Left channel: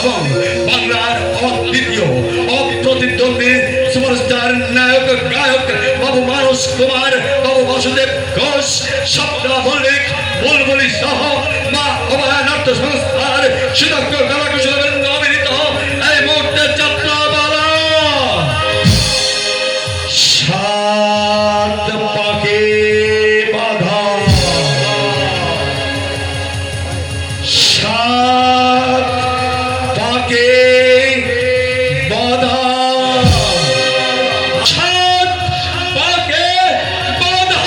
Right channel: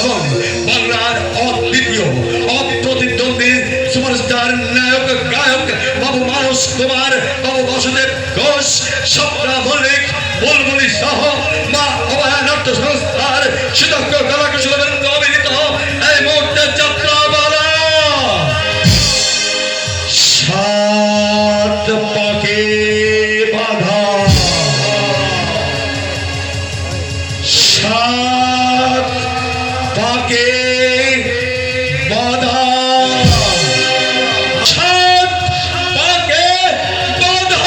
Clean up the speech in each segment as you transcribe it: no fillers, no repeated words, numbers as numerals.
এবং বাংলার অদ্বিতীয় অপ্রতিদ্বন্দ্বী সুপারস্টার নায়ক গায়ক বাবু মানস কুমার, বাবু বাসুদেব ঘোষ, স্বপ্না মল্লিক, বুলবুলি সহ মা অভয়া নাট্য সংস্থার সুদক্ষ কলাকুশলীবৃন্দ অভিনীত এই মুহূর্তের যাত্রা বালা সাত পাকে বাঁধা, সাত পাকে বাঁধা, সাত পাকে বাঁধা।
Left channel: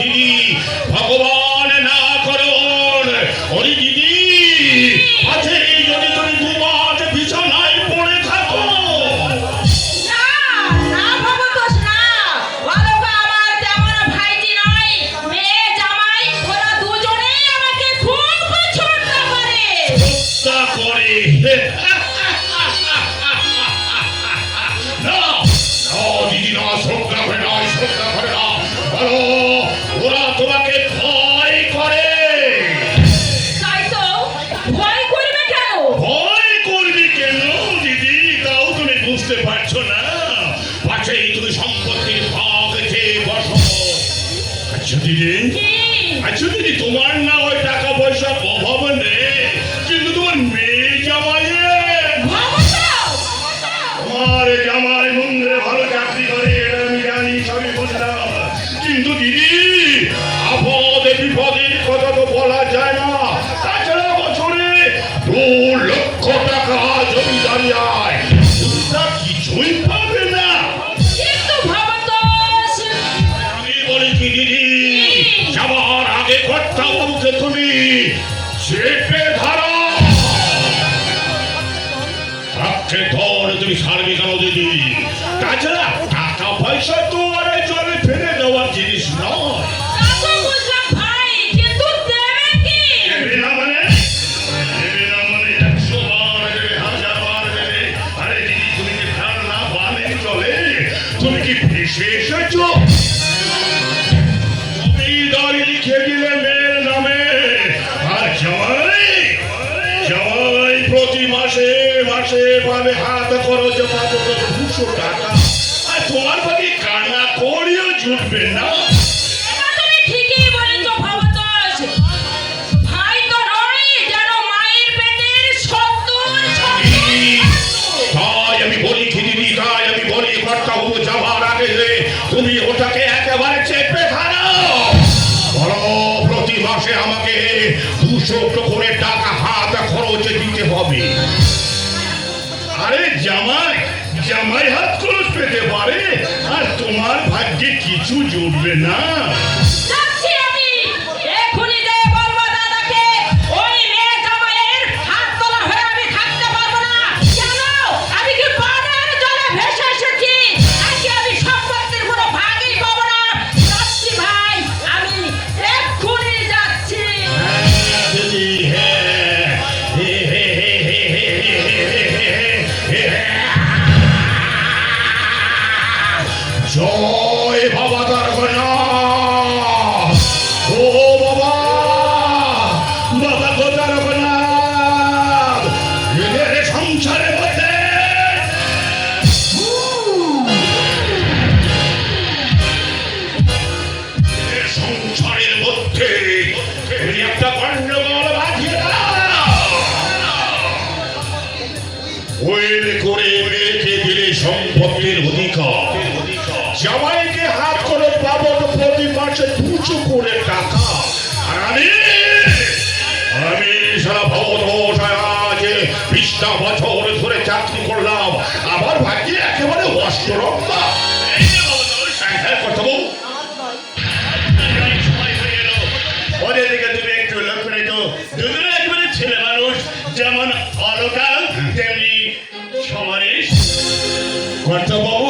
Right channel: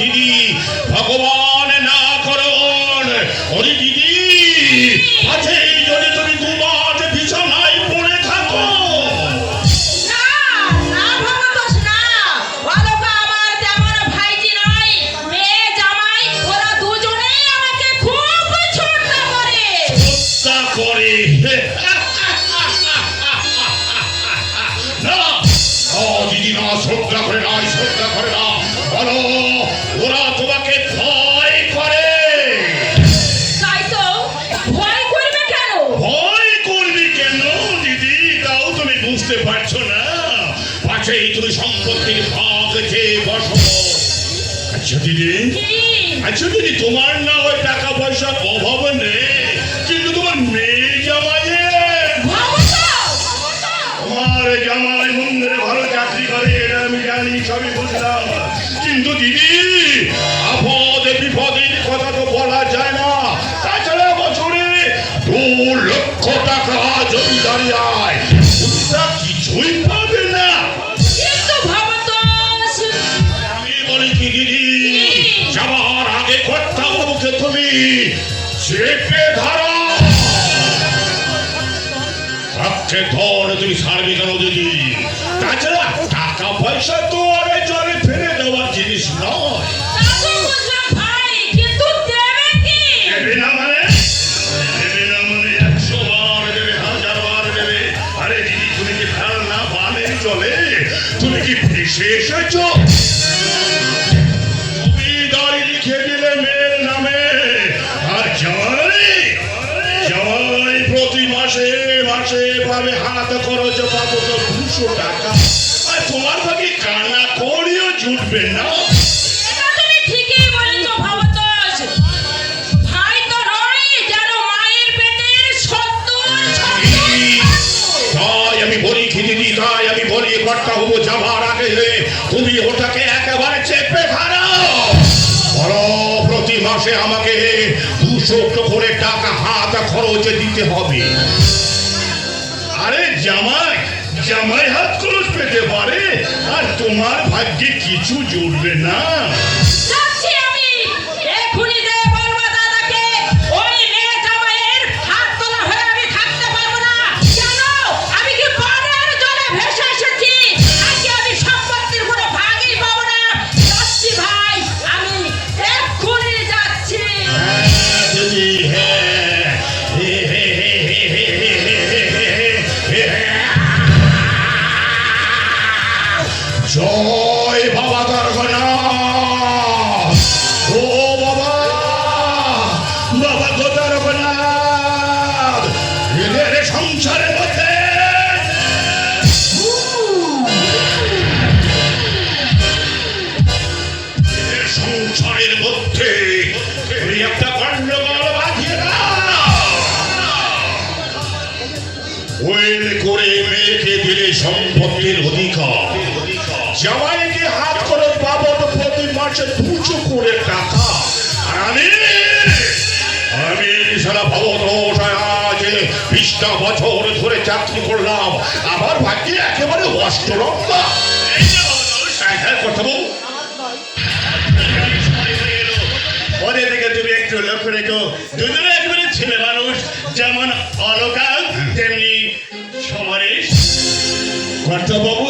দিদি ভগবান না করুন, ওরে দিদি আছে যদি তুমি দুবার বিছানায় পড়ে থাকো। দিদি না, শ্রদ্ধা করে না, শ্রদ্ধা করে না, ওরা তোমাকে ভয় করে। ভয় করবে কেন দিদি? তাও তুমি বুঝতে পারছো না? পাশেই তুমি সম্পত্তির ভাগ চেয়ে বসো। আচ্ছা দিদি, তোমার না ওই টাকা পয়সা অভাব নেই, কিন্তু তোমার মেয়ে জামাই, আমার জামাই মন্দিরে ভালো চাকরি করে, এটা আমি জানি, সবই বুঝলাম। কিন্তু দিদি আপদে বিপদের কথা তো বলা যায় না। তাছাড়া বছরে 2 লক্ষ টাকা জমিদারি আয়, কিছুই পাবে না। আমি বলি কি দিদি, যাবার আগে কর্তাবাবুকে তুমি চেপে ধরো। হাতে ধরে তুমি সারবে কেন দিদি? তাছাড়া টাকা পয়সা তো আর জলে ফেলে দেওয়ার জিনিস নয়। তুমি কি ভেসে এসেছো? জমিদারি লিখে দিলে মেয়ের নামে, আর জামাই প্রতি মাসে পাবে হাত খরচ পাবো 200 টাকা, আর তোমার বাকি কান্না করিও জুটবে না। তুমি ওটাকে একেবারে চেপে ধরো, বলো প্রতি মাসে আমাকে 200 করে টাকা হাত খরচে দিতে হবে। আরে জামাই হাত খরচ পেতে পারে, আর তোমার ভাগ্যে কিছু জুটবে না। জয় বাবা দরগনা। হচ্ছে 200 কোটি টাকা। আর আমি সারা ভবদোষ 20টা বছর ধরে চাকরি করলাম, আবার ভাগ্যে একেবারে অষ্টরম্বা। কথা বল, ওদের দিকে তুমি একটু লক্ষ্য রেখো, দুজনে একেবারে ছেলে মানুষ, যেমন অলকা তেমনি সমরেশ। কর্তাবাবু,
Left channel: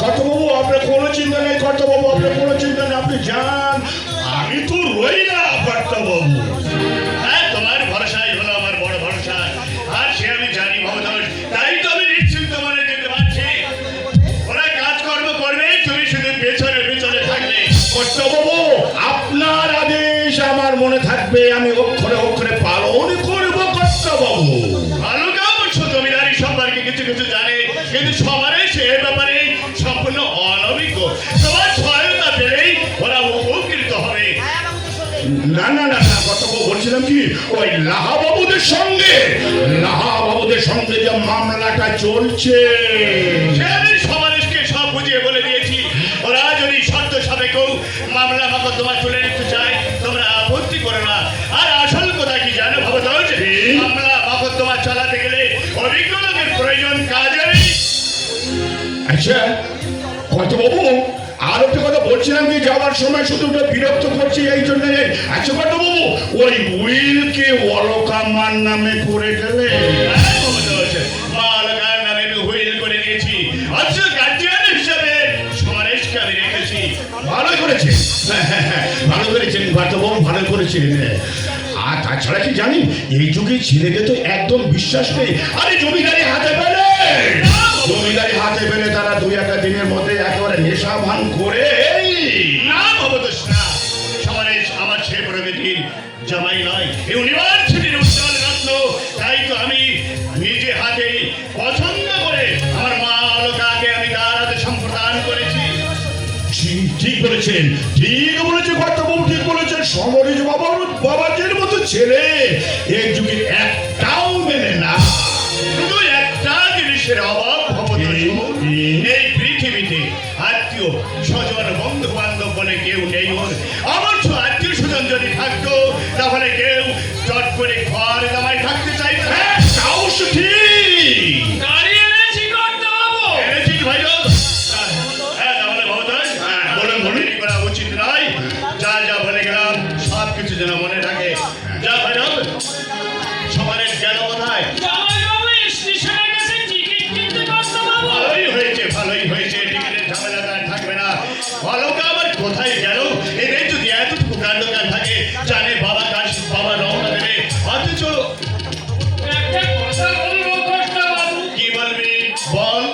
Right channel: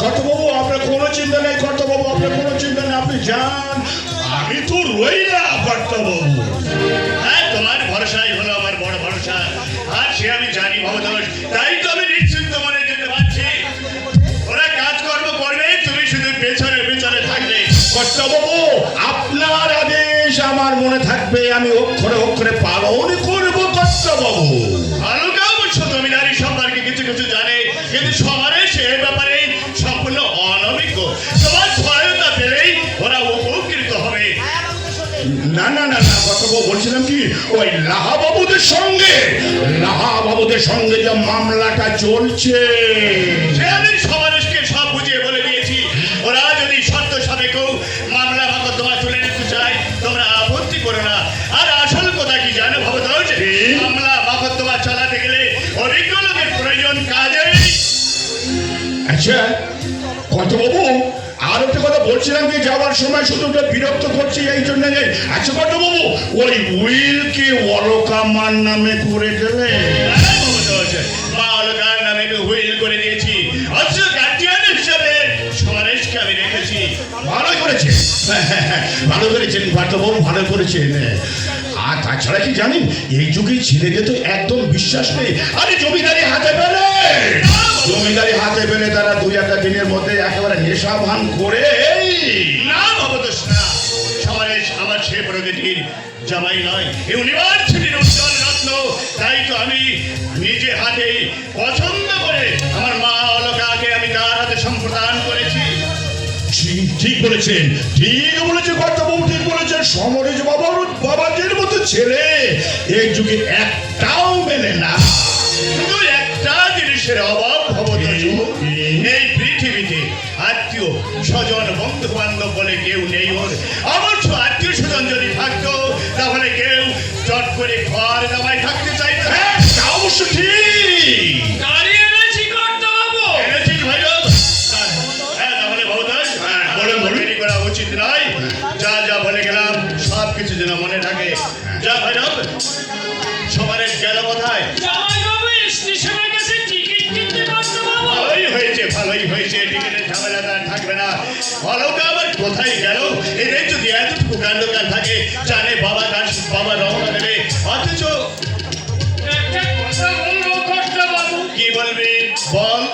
কর্তাবাবু আপনার কোনো চিন্তা নেই, কর্তাবাবু আপনার কোনো চিন্তা নেই, আপনি যান, আমি তো রই না কর্তাবাবু। হ্যাঁ, তোমার ভরসাই হলো আমার বড় ভরসা, আর সে আমি জানি ভবদোষ, তাই তো আমি নিশ্চিন্ত মনে যেতে পারছি। ওরা কাজকর্ম করবে, তুমি শুধু পেছনে পেছনে থাকলে। কর্তাবাবু, আপনার আদেশ আমার মনে থাকবে, আমি অক্ষরে অক্ষরে পালন করবো কর্তাবাবু। অলকা অবশ্য জমিদারি সম্পর্কে কিছু কিছু জানে, কিন্তু সমরেশ সে ব্যাপারে সম্পূর্ণ অনভিজ্ঞ। তোমার সহায়তা পেলেই ওরা উপকৃত হবে। না না না না কর্তাবাবু, বলছিলাম কি, ওই লাহাবাবুদের সঙ্গে যে মামলাটা চলছে, সে আমি সমরেশকে সব বুঝিয়ে বলে দিয়েছি। ওরা যদি শর্ত সাপেক্ষ মামলা মোকদ্দমা তুলে নিতে চায়, তোমরা আপত্তি করো না। আর আসল কথা কি জানো ভবদোষ, মামলা মোকদ্দমা চালাতে গেলে অভিজ্ঞ লোকের প্রয়োজন কাজে। আচ্ছা কর্তাবাবু, আর একটা কথা বলছিলাম কি, যাওয়ার সময় শুধু ওটা বিরক্ত করছি এই জন্য। আচ্ছা কর্তাবাবু, ওই উইলকে অলকামার নামে করে গেলে? হ্যাঁ ভবদোষ, মা অলকার নামে আমি হুইল করে দিয়েছি। অথচ গার্জিয়ান হিসেবে সমরেশকে আমি রেখেছি। ভালো করেছেন, ভালো করেছেন কর্তাবাবু, ভালো করেছেন। আর তাছাড়া কি জানি, এই যুগে ছেলেদের তো একদম বিশ্বাস নেই। আরে জমিদারি হাতে পেলে তারা 2-1 দিনের মধ্যে একেবারে নেশা ভাঙ করে। না ভবদোষ না, সমরেশ আমার সে প্রকৃতির জামাই নয়, ইউনিভার্সিটির উত্তর রত্ন। তাই তো আমি নিজে হাতে পছন্দ করে আমার মা অলকাকে আমি তার হাতে সম্প্রদান করেছি। ঠিক বলেছেন, ঠিক বলেছেন কর্তাবাবু, ঠিক বলেছেন। সমরেশ বাবাদের মতো ছেলে এই যুগে একটাও মেলে না। শুধু একটা জিনিসের অভাব ভবদোষ, এই পৃথিবীতে আত্মীয় স্বজন বন্ধু বান্ধব বলে কেউ নেই ওর। অবশ্য আত্মীয় স্বজন যদি থাকতো, তাহলে কেউ চট করে ঘর জামাই থাকতে চাইতো। হ্যাঁ, তা অবশ্য ঠিক। এনেছি ভাইজান। হ্যাঁ, তাহলে ভবদোষ, দেরি করা উচিত নয়। যা যা বলে গেলাম সব কিছু যেন মনে থাকে। যা ভাইজান, সমরেশ গেল কোথায়? ভালোই হয়েছে, টিকিটের ঝামেলা আর থাকবে না। অলকা আবার কোথায় গেল? এদের যদি এতটুকু কাণ্ডকার থাকে, জানে বাবা রওনা দেবে, অথচ কি বলবি বল?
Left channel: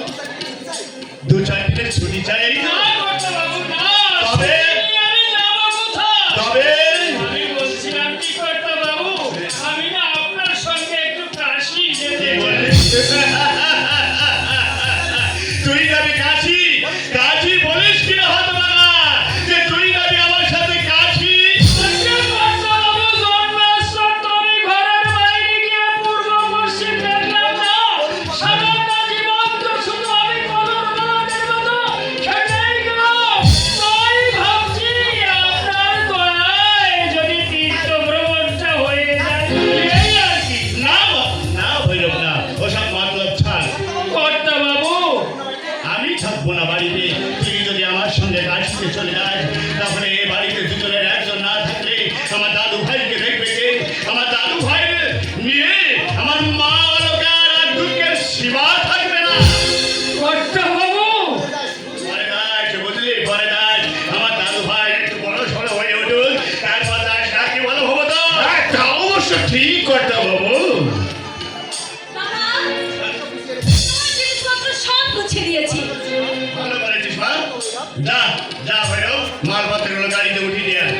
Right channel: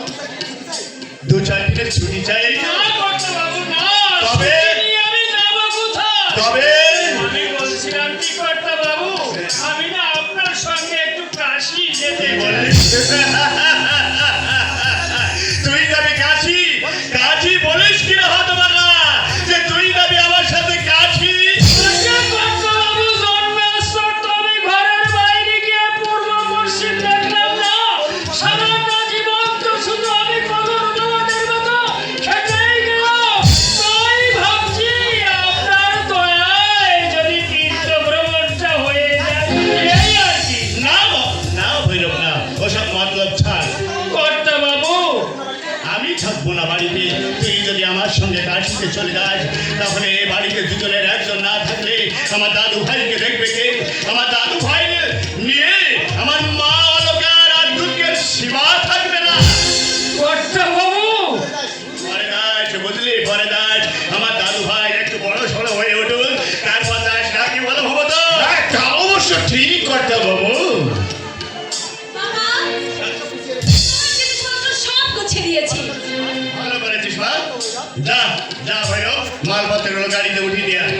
2-4 দিনের ছুটি চাই। তবে কি বলবি? তুই যাবি কাশি বলিস কি হাত মারা, যে তুই যাবি আমার সাথে কাশি? না ভৈরব না, ওসব মতলব ছাড়। আমি থাকবো না বাড়িতে, তুই যদি আমার সঙ্গে কাশিতে চলে যাস, তাহলে এ বাড়িতে দুজনের একজন না থাকলে আমার দাদু ভাইকে দেখবে কে? আমার দাদু ভাই নিয়ে আমার মা অলকার আর দুঃখের সীমা থাকবে না। ভয় নাই, বুঝলি, ভয় নাই। আমার দাদু ভাই একটু বড় সড়ো হয়ে উঠুন, তারপর কি বলো ভবদোষ? হ্যাঁ, তা অবশ্য ঠিক কর্তাবাবু। ভালো করেছিস মা। যা ভৈরব, মালপত্রগুলো গাড়িতে উঠিয়ে দিয়ে আয়।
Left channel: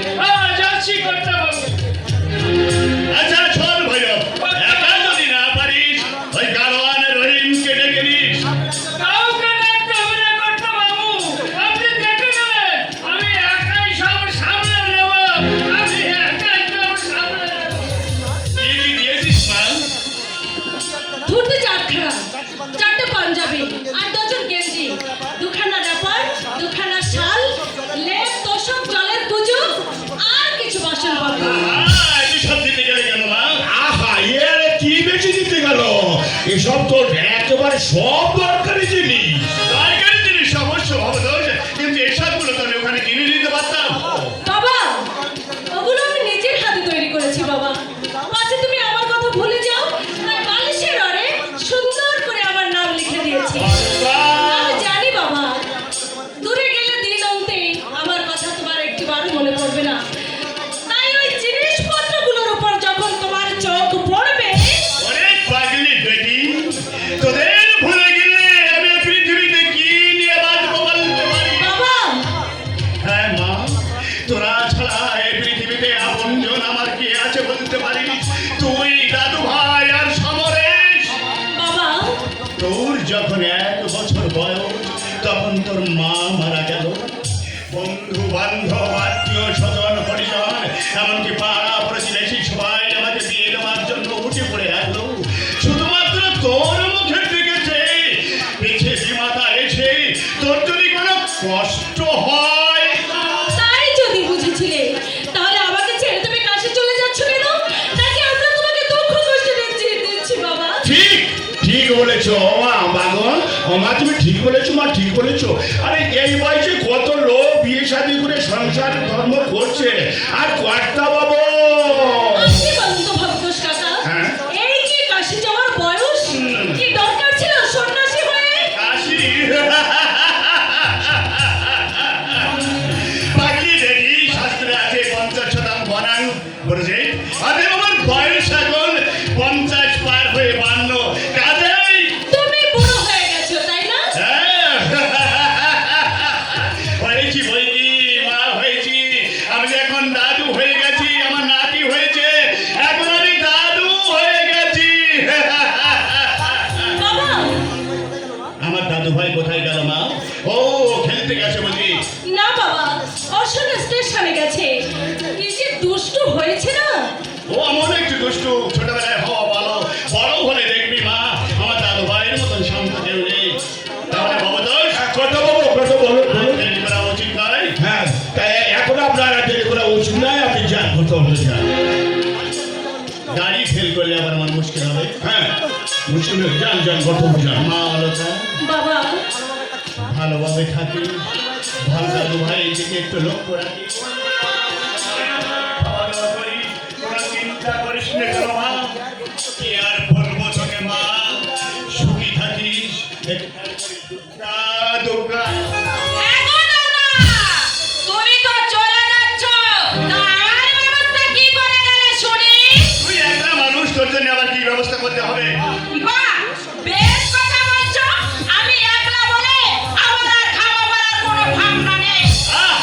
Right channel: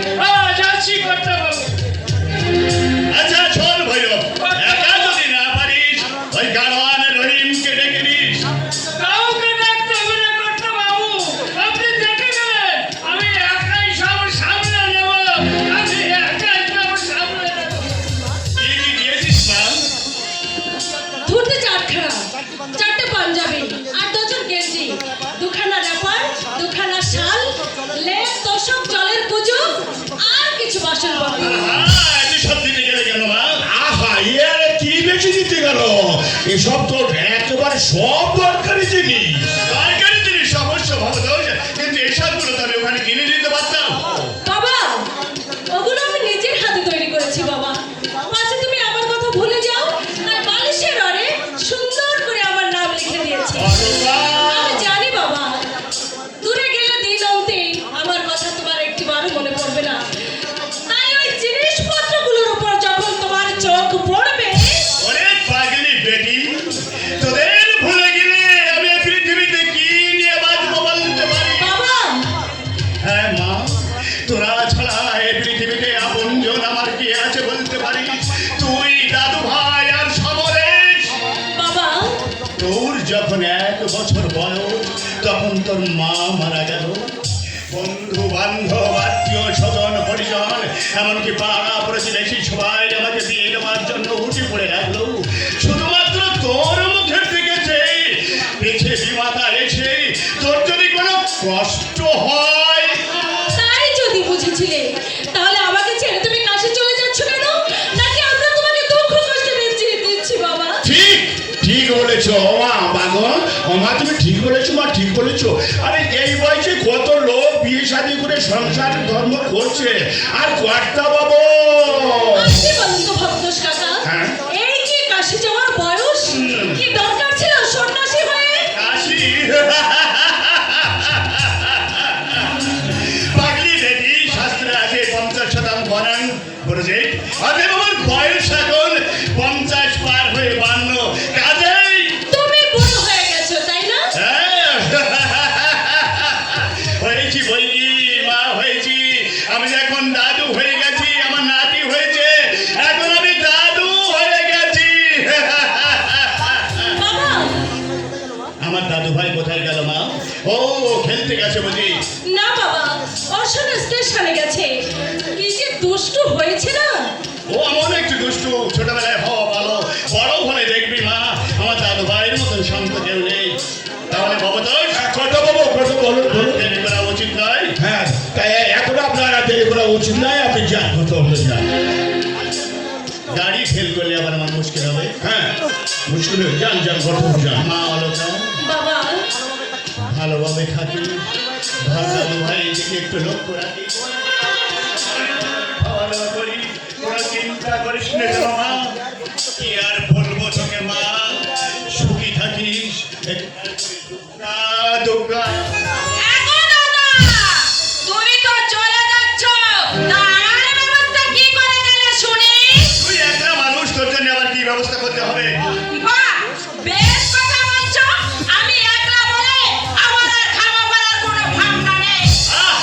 আচ্ছা চল ভৈরব, একা যদি না পারিস ওই গাড়োয়ান রহিমকে ডেকে নিস। কি দিয়েছিস মা? ধুতি 4 পাঞ্জাবি, 8 ডজন গেঞ্জি, 2খানা র্যাপার, 2খানা শাল, আসনপত্র। এত সব দিতে গেলে কেন মা? আহা এর কি বেশি দিতে গেল? এসব তো একেবারে সব দরকারি জিনিস। দরকারি জিনিস অবশ্য ভবতোষ, কিন্তু এসবগুলো তো আমি ওখানে কিনে নিতে পারতাম। বাবা, ওগুলো আমি নিজের হাতে তৈরি করেছি বাবা। আচ্ছা তুমি আমার কথা ভুলে যাও, আর বালিশের ঘরে সুন্দর করে আমার নাম লিখে দিয়েছি। আমি জানি বাবা, দূরে গেলে দিন আনতেই আমার কথা তোমার একটিবারও মনে পড়বে না। তাই ওই জিনিসপত্রগুলোর উপর যখন তোমার চোখ পড়বে, ওরে পাগলি বেটি, তোদের ভুলে গেলে আমি এই পৃথিবীতে কি নিয়ে বাঁচবো বলতে পারি? বাবা হ্যাঁ মা, তোরা ছাড়া এই পৃথিবীতে আপনজন আমার কি আছে বলতে পারি? তুই, দাদু ভাই আর সমরেশ। বাবা তোর যখন 1 বছর বয়স তখন তোর মা মারা গেল। বন্ধু বান্ধব আত্মীয় স্বজন হরিজন এমনকি পাড়া প্রতিবেশী সবাই আমাকে দিয়ে দেওয়ার জন্য উঠে পড়ে রাখলো। শুধুমাত্র তোর মুখের দিকে চেয়ে পিছে বিমাতা এসে তোর যদি কোনো কষ্ট হয়। তাই যদি বুঝেছিলে, তাহলে আমাকে ছেড়ে তুমি কাশি চলে যাচ্ছ কেন? নাকি আমরা তোমাকে দুঃখ কষ্ট দিচ্ছি বাবা? ঠিক ঠিক বলেছো মা। বাদন মা তুমি ঠিক বলেছো মা, ঠিক বলেছো। আরে এই বয়সে কত লোক বিয়ে শাদী করে সংসার ধর্ম করছে, আর কর্তা বাবু আপনি বলুন তো ভবতোষ কাকা, হ্যাঁ? এই কি কাশি যাওয়ার বয়স? কি দরকার ছিল সন্ন্যাসী হয়ে? কাশি বাকি রেডি শাস্ত্রে আছে 50 বরান বলেছে। আরে আমার বয়স এখন 50 পার হয়ে 52। কাজেই তুমি বুড়ো হয়ে গেছো তাই না? হয়েছি বই কি মা, হয়েছি। আমি এখন দাদু হয়ে গেছি, আমার নাতি হয়েছে, এখন আমি দাদু হয়ে গেছি। বাবা আমার দাদু ভাই কোথায় গেল মা? ও খেলতে গেছে বুঝি? না বাবা, অশোক স্টেশনে গেছে। কি যে দুষ্টু হয়েছে না। ও এমন একটু দুষ্টু, ছোটবেলায় হওয়া ভালো, বড় হলে দেখবি মা আমার দাদু ভাইয়ের মতন শান্ত কেউ নেই। তাহলে ভবতোষ, ছোট বাবু ছোট বলো বলো। দেরি করা উচিত নয়। হ্যাঁ এখন আপনার আর দেরি করা উচিত নয়, আপনি যান কোথাও হলে যান। গাড়ি ফেল করলে আবার আমার মুশকিল হবে। হ্যাঁ মুশকিল হয়ে যান যান কোথাও যান। মা অলকা বাবা ভালোভাবে থাকি, ভালো দাদু ভাই দিকে একটু লক্ষ্য রাখি। ভালো করি, তোরা চিন্তা করিস না তো মা। কি আর বলবো তোকে মা, সুখী থাকিস। দুর্গা দুর্গা তুমি তো চলে যাচ্ছ, তার ব্যবস্থা কি করে গেলে শুনি? তুই একটা মানুষ, তোর জন্য আবার কি ব্যবস্থা করতে হবে? বাহ, বেশ কথা বলছো। আমি একলা বলে আমার আর খাওয়া বলার কোনো ভাবনা নেই। আহ!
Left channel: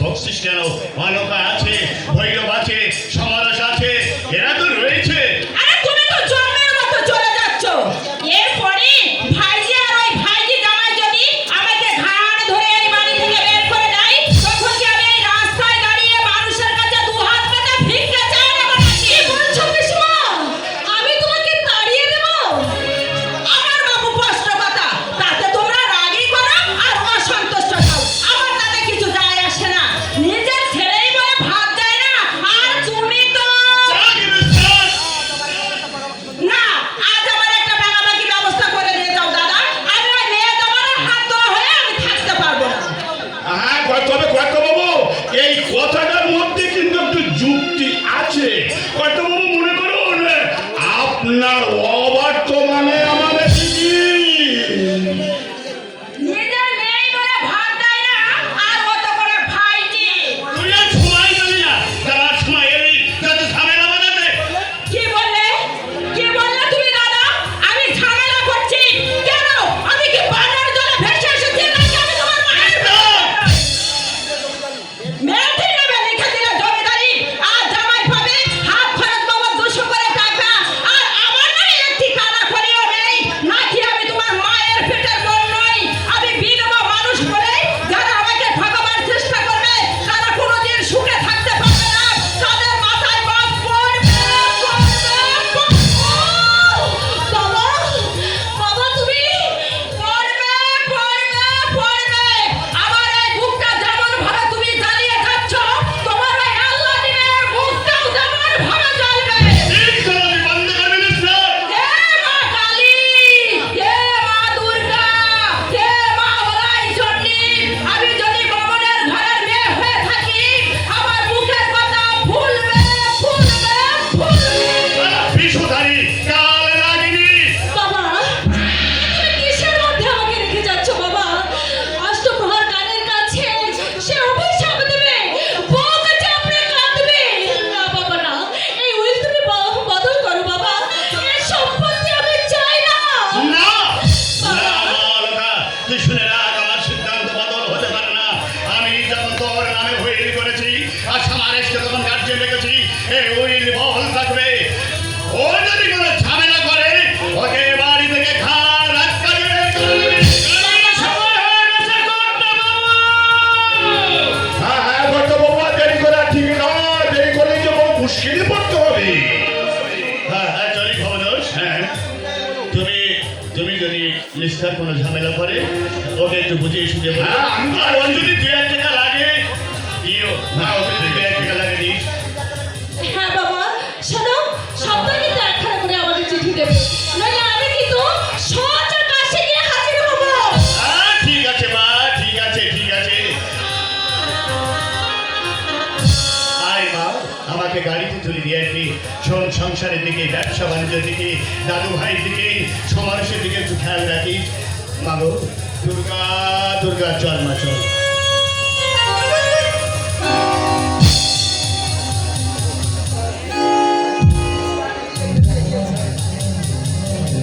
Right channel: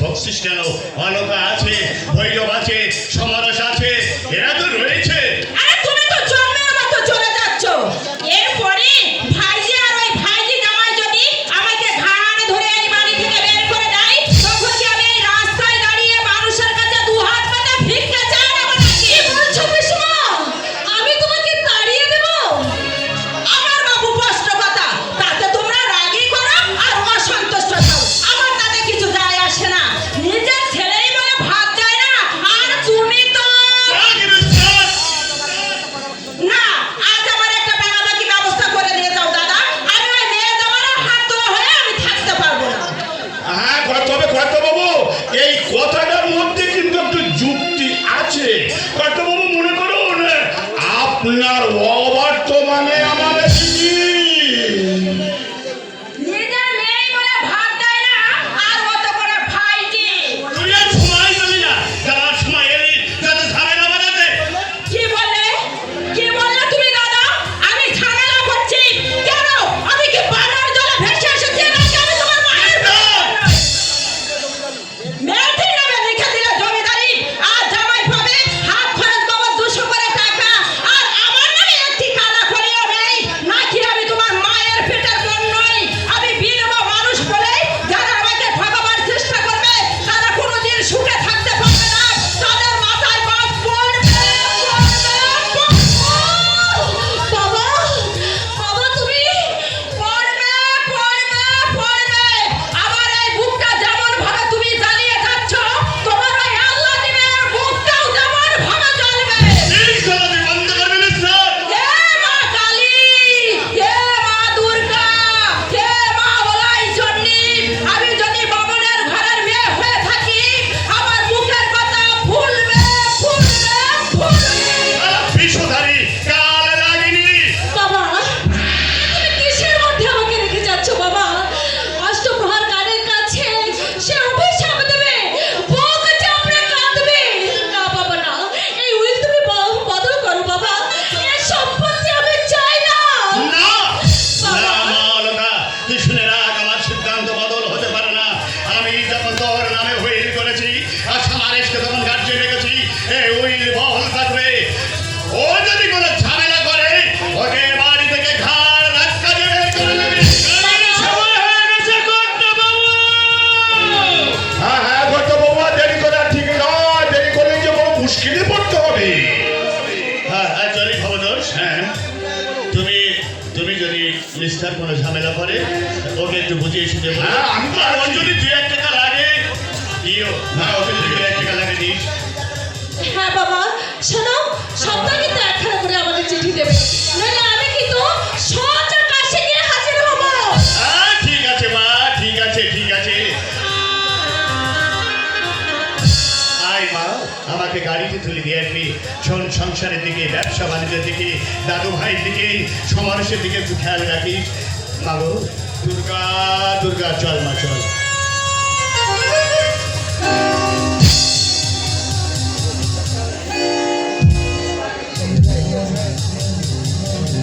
বকছিস কেন? অলকা আছে, ভৈরব আছে, সমরস আছে, এরা তো রয়েছে। আরে তুমি তো জন্মের মতো চলে যাচ্ছ। এরপরে ভাইজি আর ওই ভাইজি জামাই যদি আমাকে ঘাড় ধরে এই বাড়ি থেকে বের করে দেয়, তখন কি আমি এই রাস্তায় দাঁড়িয়ে মানুষের কাছে দু হাত পাতে ভিক্ষা চাই না নাকি? কি বলছো পিসমা? আমি তোমাকে তাড়িয়ে দেব? আমার বাবু স্পষ্ট কথা, তাতে তোমরা রাগই করো আর অসন্তুষ্ট হও। আমার তাতে কিছু যায় আসে না। নিজের ছেলেই বলে মুশকিলে পড়তে হবে। হ্যাঁ হ্যাঁ জানি খবরদার। হ্যাঁ তুমি যদি নিস্তার কোনো ঝামেলা করে ওকে একটু বুঝিয়ে শুনে বলো। হ্যাঁ, আমি- আর ওর যদি 2-1 টাকা লাগে দিও। হ্যাঁ ওকে যদি 2-1 টাকা লাগে দিস। হ্যাঁ বাবা, শোনো, সপ্তাহে তো একখানা করে আমাদের চিঠি দেবে, নইলে আমি কিন্তু সোজা কাশি গিয়ে হাজির হবো। ঠিক আছে মা, ঠিক আছে ঠিক আছে। আয় মা, আমাকে গাড়িতে তুলে দিয়ে আসবি। শোন, সংসারের দিকে, ব্যবসা বাণিজ্যের দিকে, দাদু ভাইয়ের দিকে, সমাবেশের দিকে একটু খেয়াল রাখিস। মাগো, দুর্গা দুর্গা চল মা চল।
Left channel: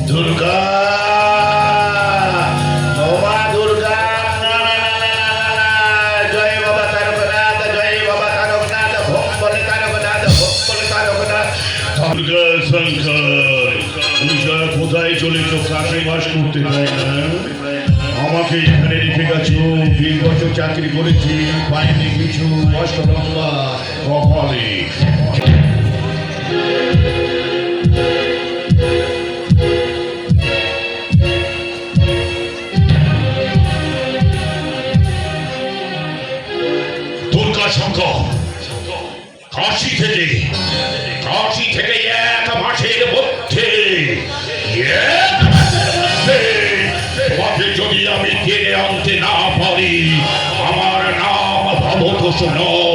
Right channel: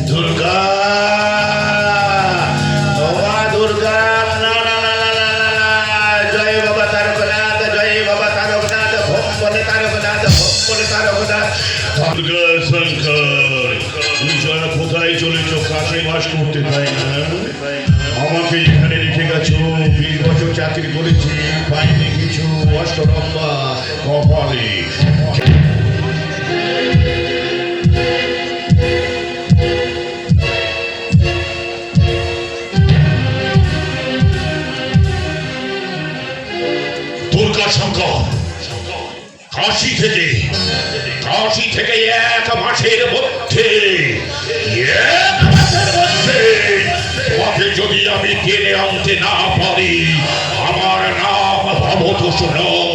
দুর্গা, ও মা দুর্গা, না না জয় বাবা তারকনাথ, জয় বাবা তারকনাথ, ভোগ বলে তারকনাথ, ভোগ বলে তারকনাথ। দুর্গা শঙ্কর, পূজা কোথায় চলেছ? কাকে বাস করতে পাই না, আমাকে এখানে রেখে গেছো। 20 বছর চাকরি করেছি, পাইনি কিছু। অষ্টরম্বা কপালে দুর্গা শঙ্কর, কাশি থেকে 1 মাসের মধ্যে তোমাকে যদি আমি টেনে আনতে না পারি, আমার নাম ভবতোষ নয়।